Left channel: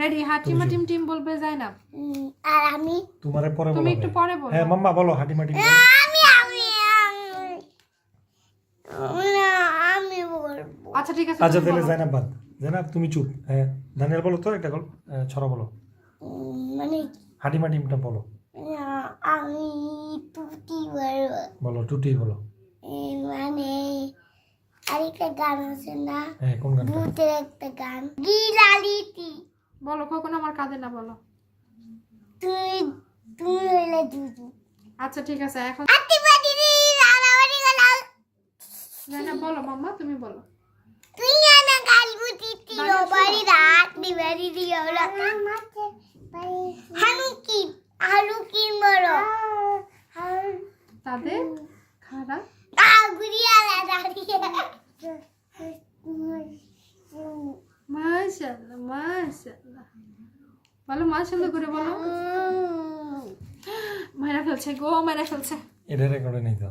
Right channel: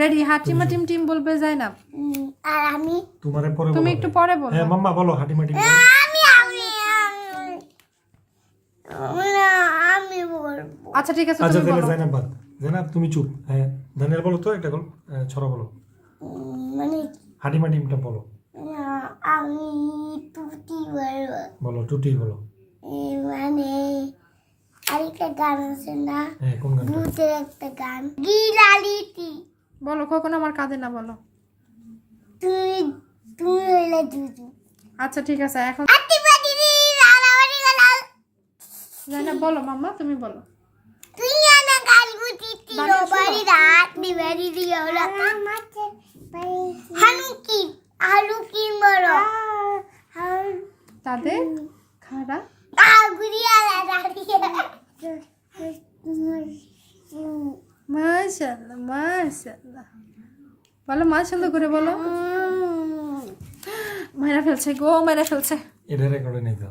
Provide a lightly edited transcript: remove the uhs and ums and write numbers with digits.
Ready হাটিমা team team বলবে জাইনাব আর আমি তোমারে পরে তুমি বলো। একটু পরে বলো হ্যাঁ মাম্মা বলো হাটিমা টিম বলো। আমি বলবো আচ্ছা ঠিক আছে আচ্ছা তুমি তাহলে বলো জানাব বাদ। জানাব তুমি চুপ। হ্যাঁ দানিয়াল বলো তো একটা ছড়া বলো। মানে হাটিমা টিমটা বলো। আমি টুটি বলবো বলো টুটি বলো। মানে আরেকটা গান আছে না হ্যাঁ কোন গানটা? ভূতের একটা গান গিলালিটি বলো কখনো আমার কাঁদে না বলো তুমি তুমি হইলে জুজু আচ্ছা ঠিক আছে এখন আতিবাদি লালাবাদি লাল জাইনাব বলো মাম্মা তুমি বলো তুই না গালগুতি তিরো বাড়ি রাত দিবাড়ি দিও লা হানুকি বলো তাদের খাড়া গুড়িয়া দাঁড়িয়ে মাশাআল্লাহ মাশাআল্লাহ বলো মাশাআল্লাহ করে বলো মেরে ফেলছে গো মেরে ফেলছে এটা রেকর্ডে নেই তো।